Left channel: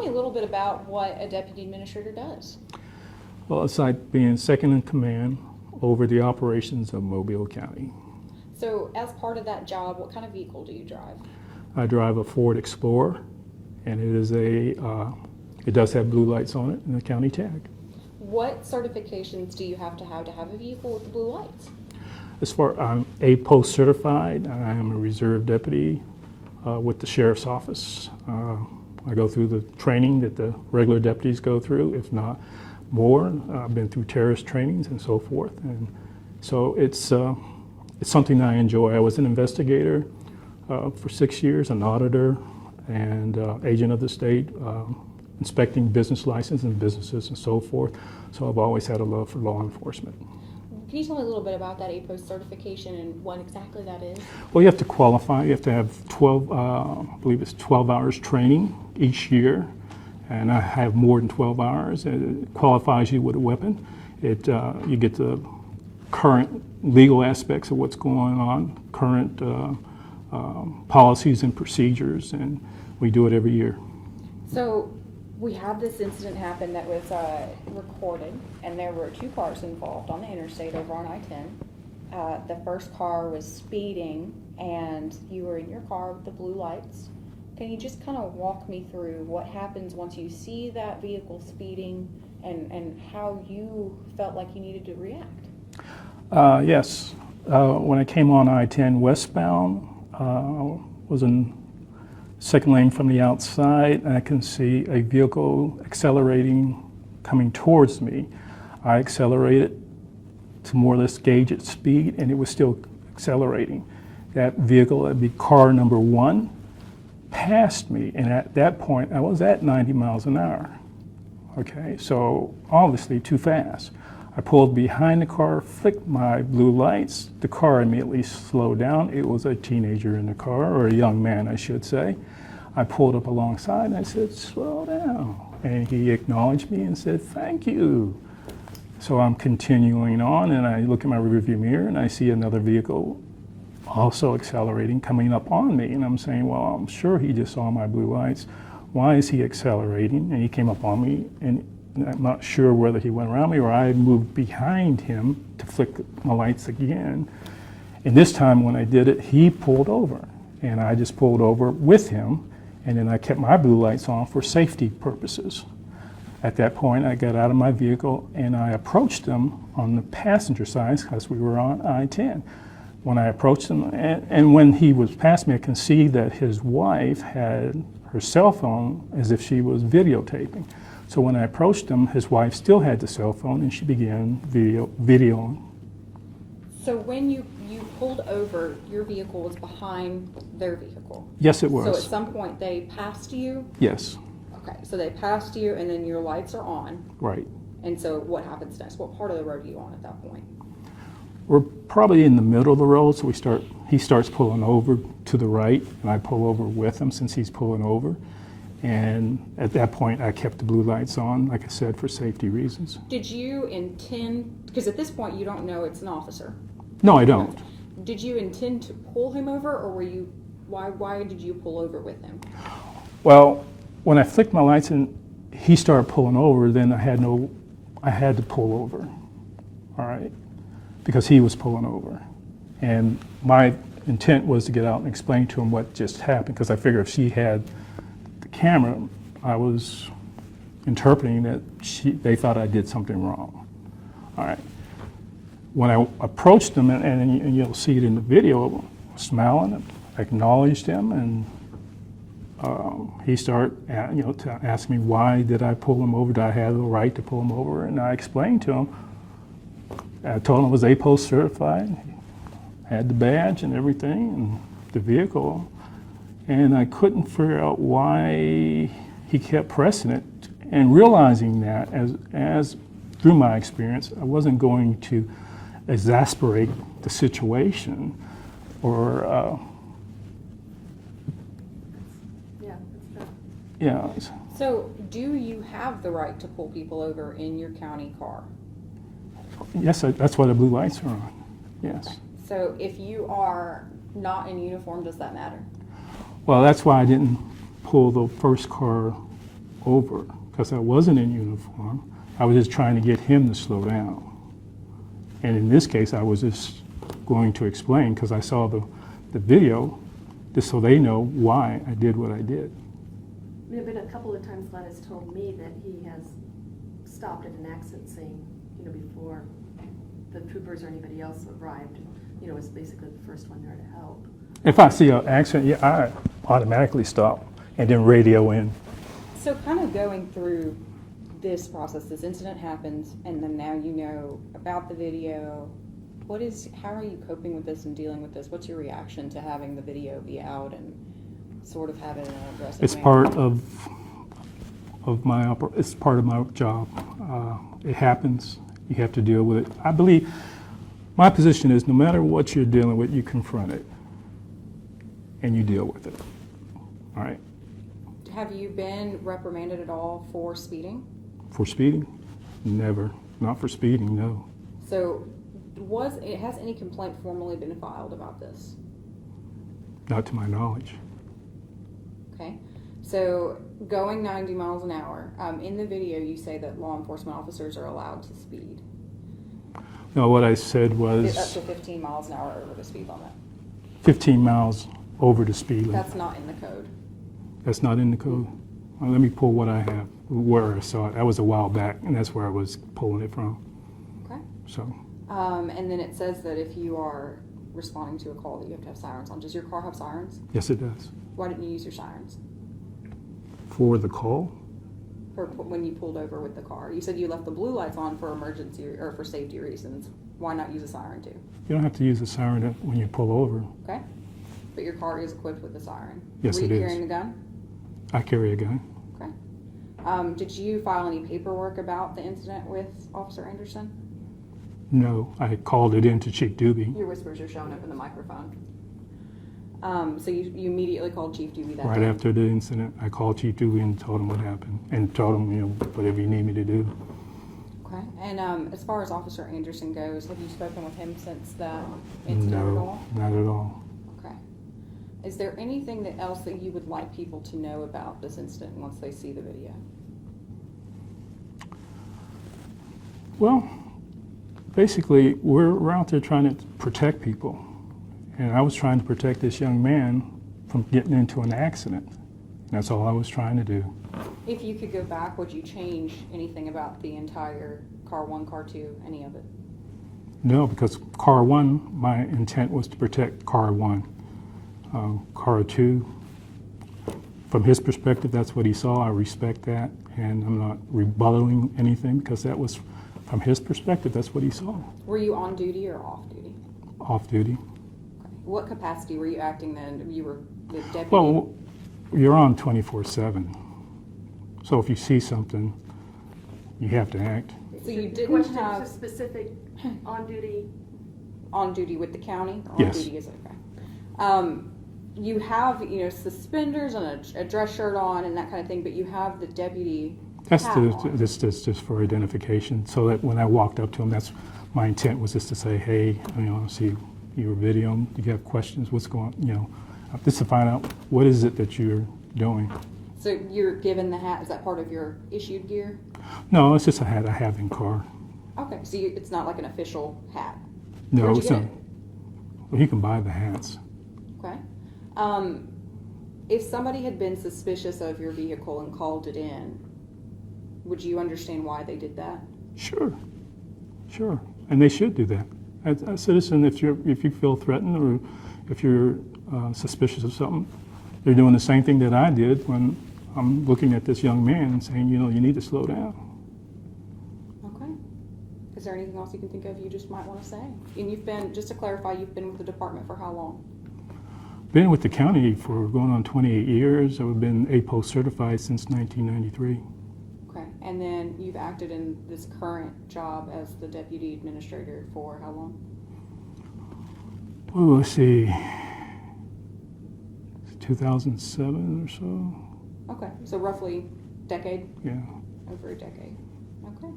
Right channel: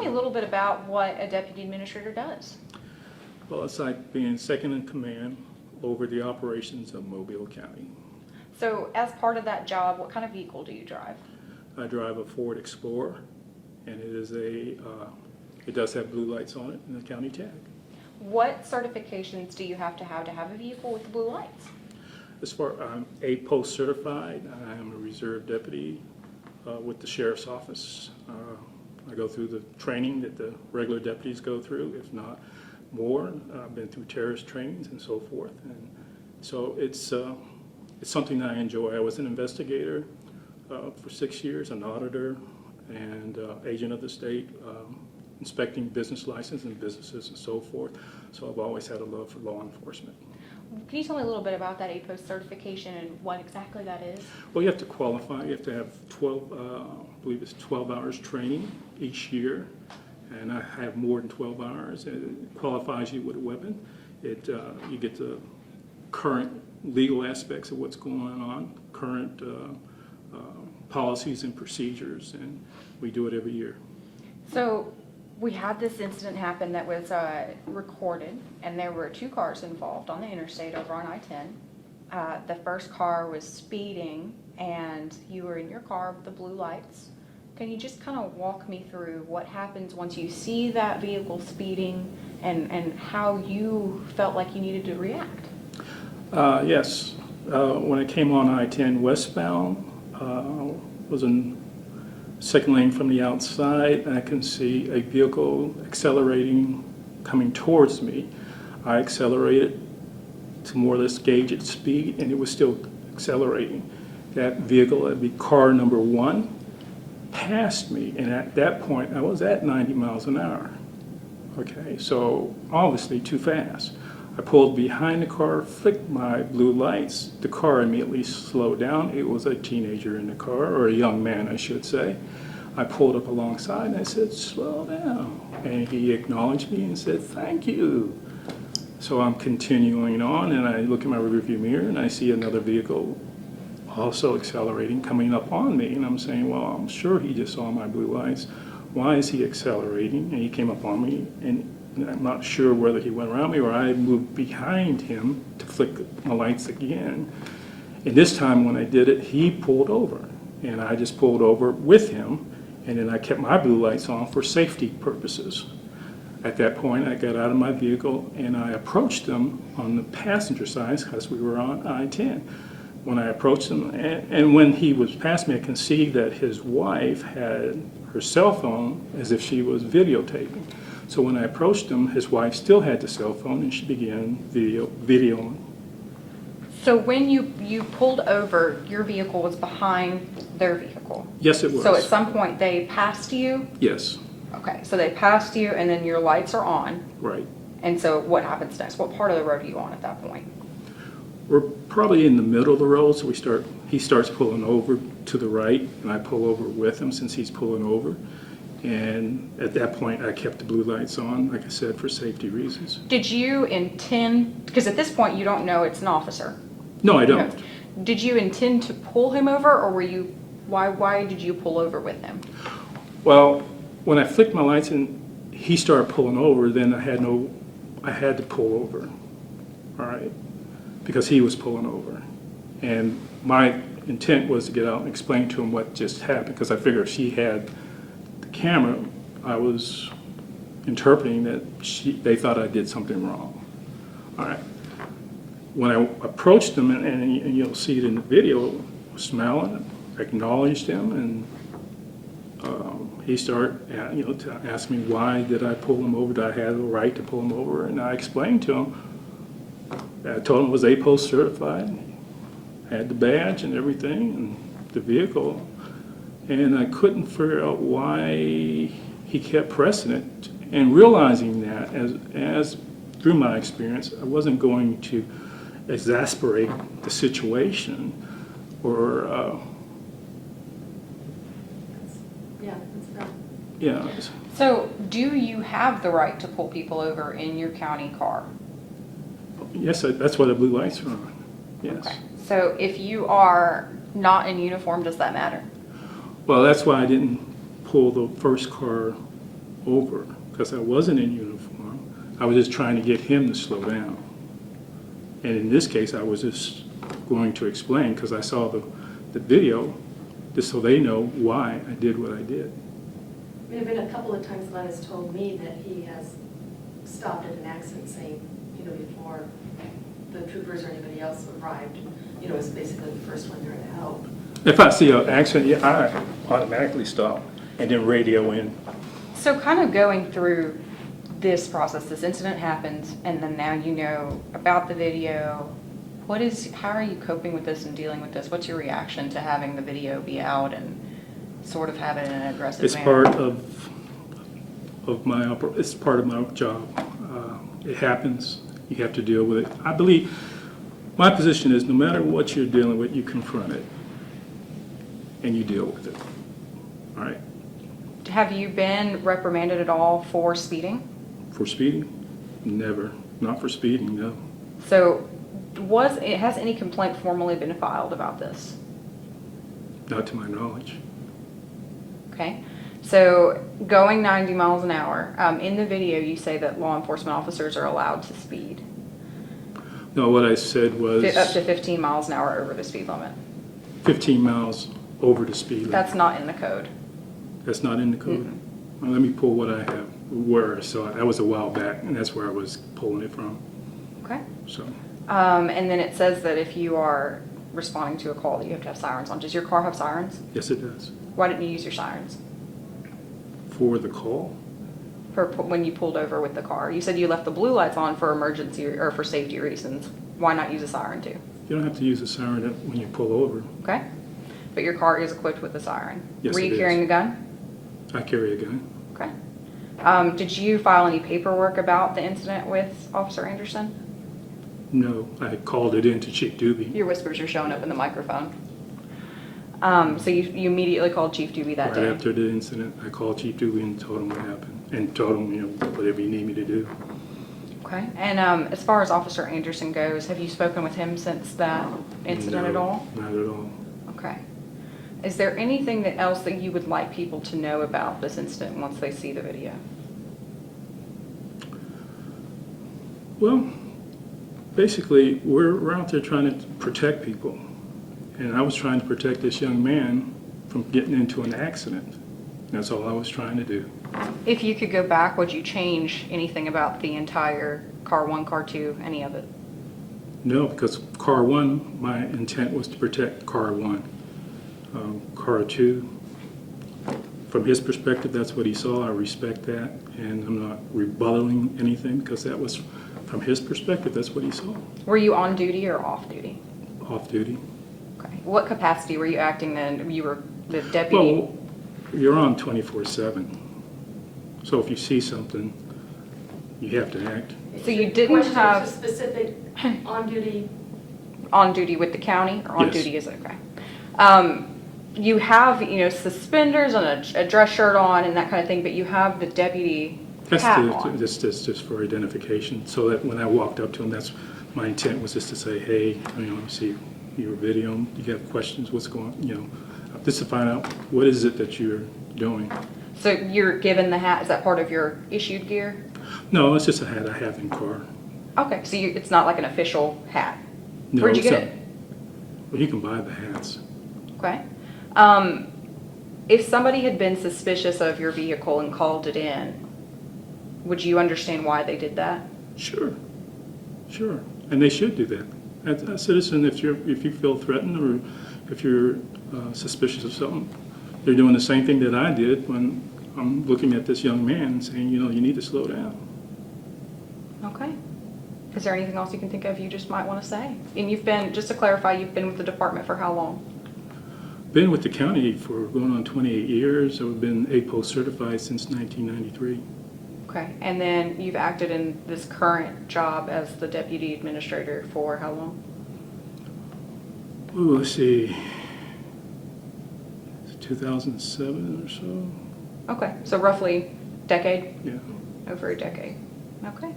me a little bit about what a deputy administrator does. Well, it's like being second in command over the operations of Mobile County. So as part of that job, what kind of vehicle do you drive? I drive a Ford Explorer, and it is it does have blue lights on it and a county tag. What certifications do you have to have a vehicle with the blue lights? As far I'm A-Post certified, I am a reserve deputy with the Sheriff's Office. I go through the training that the regular deputies go through, if not more. I've been through terrorist trainings and so forth, and so it's something that I enjoy. I was an investigator for 6 years, an auditor, and agent of the state, inspecting business licenses and businesses and so forth. So I've always had a love for law enforcement. Can you tell me a little bit about that A-Post certification and what exactly that is? Well, you have to qualify. You have to have 12, I believe it's 12 hours training each year, and I have more than 12 hours. It qualifies you with a weapon. You get the current legal aspects of what's going on, current policies and procedures, and we do it every year. So we had this incident happen that was recorded, and there were 2 cars involved on the interstate over on I-10. The first car was speeding, and you were in your car with the blue lights. Can you just kind of walk me through what happens once you see that vehicle speeding and how you felt like you needed to react? Yes. When I came on I-10 westbound, was in second lane from the outside, and I can see a vehicle accelerating coming towards me. I accelerated to more or less gauge its speed, and it was still accelerating. That vehicle, that'd be car number 1, passed me, and at that point I was at 90 miles an hour. Okay, so obviously too fast. I pulled behind the car, flicked my blue lights. The car immediately slowed down. It was a teenager in the car, or a young man, I should say. I pulled up alongside and I said, "Slow down." And he acknowledged me and said, "Thank you." So I'm continuing on, and I look in my rearview mirror and I see another vehicle also accelerating, coming up on me. And I'm saying, well, I'm sure he just saw my blue lights. Why is he accelerating? And he came up on me, and I'm not sure whether he went around me or I moved behind him to flick my lights again. And this time when I did it, he pulled over, and I just pulled over with him, and then I kept my blue lights on for safety purposes. At that point, I got out of my vehicle and I approached him on the passenger side because we were on I-10. When I approached him, and when he was past me, I can see that his wife had her cell phone as if she was videotaping. So when I approached him, his wife still had the cell phone, and she began videoing. So when you pulled over, your vehicle was behind their vehicle? Yes, it was. So at some point they passed you? Yes. Okay, so they passed you, and then your lights are on. Right. And so what happens next? What part of the road are you on at that point? We're probably in the middle of the road, so he starts pulling over to the right, and I pull over with him since he's pulling over. And at that point, I kept the blue lights on, like I said, for safety reasons. Did you intend, because at this point you don't know it's an officer. No, I don't. Did you intend to pull him over, or were you, why did you pull over with him? Well, when I flicked my lights and he started pulling over, then I had to pull over, all right, because he was pulling over. And my intent was to get out and explain to him what just happened, because I figured if she had the camera, I was interpreting that they thought I did something wrong. All right. When I approached him, and you'll see it in the video, smiling, acknowledged him, and he started to ask me why did I pull him over, did I have the right to pull him over, and I explained to him. I told him I was A-Post certified, had the badge and everything, and the vehicle, and I couldn't figure out why he kept pressing it, and realizing that as through my experience, I wasn't going to exasperate the situation or yeah. So do you have the right to pull people over in your county car? Yes, that's why the blue lights are on. Yes. Okay. So if you are not in uniform, does that matter? Well, that's why I didn't pull the first car over because I wasn't in uniform. I was just trying to get him to slow down. And in this case, I was just going to explain because I saw the video just so they know why I did what I did. There have been a couple of times Glenn has told me that he has stopped at an accident scene, before the troopers or anybody else arrived. It's basically the first one there to help. If I see an accident, yeah, I automatically stop and then radio in. So kind of going through this process, this incident happens, and then now you know about the video. How are you coping with this and dealing with this? What's your reaction to having the video be out and sort of have it in an aggressive It's manner? part it's part of my job. It happens. You have to deal with it. I believe my position is no matter what you're dealing with, you confront it and you deal with it. All right. Have you been reprimanded at all for speeding? For speeding? Never. Not for speeding, no. So has any complaint formally been filed about this? Not to my knowledge. Okay. So going 90 miles an hour, in the video you say that law enforcement officers are allowed to speed. No, what I said was Up to 15 miles an hour over the speed limit. 15 miles over the speed limit. That's not in the code. That's not in the code? Mm-hmm. Well, let me pull what I have, where I saw it. That was a while back, and that's where I was pulling it from. Okay. So, And then it says that if you are responding to a call that you have to have sirens on. Does your car have sirens? yes, it does. Why didn't you use your sirens For the call? for when you pulled over with the car? You said you left the blue lights on for emergency or for safety reasons. Why not use a siren too? You don't have to use a siren when you pull over. Okay. But your car is equipped with a siren. Yes, Were it you is. carrying a gun? I carry a gun. Okay. Did you file any paperwork about the incident with Officer Anderson? No, I called it in to Chief Doobie. Your whispers are showing up in the microphone. So you immediately called Chief Doobie that Right day? after the incident, I called Chief Doobie and told him what happened, and told him, whatever you need me to do. Okay. And as far as Officer Anderson goes, have you spoken with him since that incident at No, all? not at all. Okay. Is there anything else that you would like people to know about this incident once they see the video? Well, basically, we're out there trying to protect people. And I was trying to protect this young man from getting into an accident. That's all I was trying to do. If you could go back, would you change anything about the entire car 1, car 2, any of it? No, because car 1, my intent was to protect car 1. Car 2, from his perspective, that's what he saw. I respect that, and I'm not rebutting anything because that was, from his perspective, that's what he saw. Were you on duty or off duty? Off duty. Okay. What capacity were you acting then? You were the deputy? Well, you're on 24/7. So if you see something, you have to act. So you didn't Question have- to specific on-duty. On duty with the county, or on Yes. duty is okay? You have, suspenders and a dress shirt on and that kind of thing, but you have the deputy That's hat on. that's just for identification, so that when I walked up to him, that's my intent was just to say, hey, see your video, do you have questions, what's going, just to find out what is it that you're doing. So you're given the hat, is that part of your issued gear? No, it's just a hat I have in car. Okay, so it's not like an official hat. No, Where'd you it's get not- it? Well, you can buy the hats. Okay. If somebody had been suspicious of your vehicle and called it in, would you understand why they did that? Sure, and they should do that. As a citizen, if you feel threatened or if you're suspicious of something, they're doing the same thing that I did when I'm looking at this young man and saying, you need to slow down. Okay. Is there anything else you can think of you just might want to say? And just to clarify, you've been with the department for how long? Been with the county for going on 28 years. I've been APO certified since 1993. Okay, and then you've acted in this current job as the deputy administrator for how long? Oh, let's see, 2007 or so. Okay, so roughly decade, Yeah. over a decade. Okay.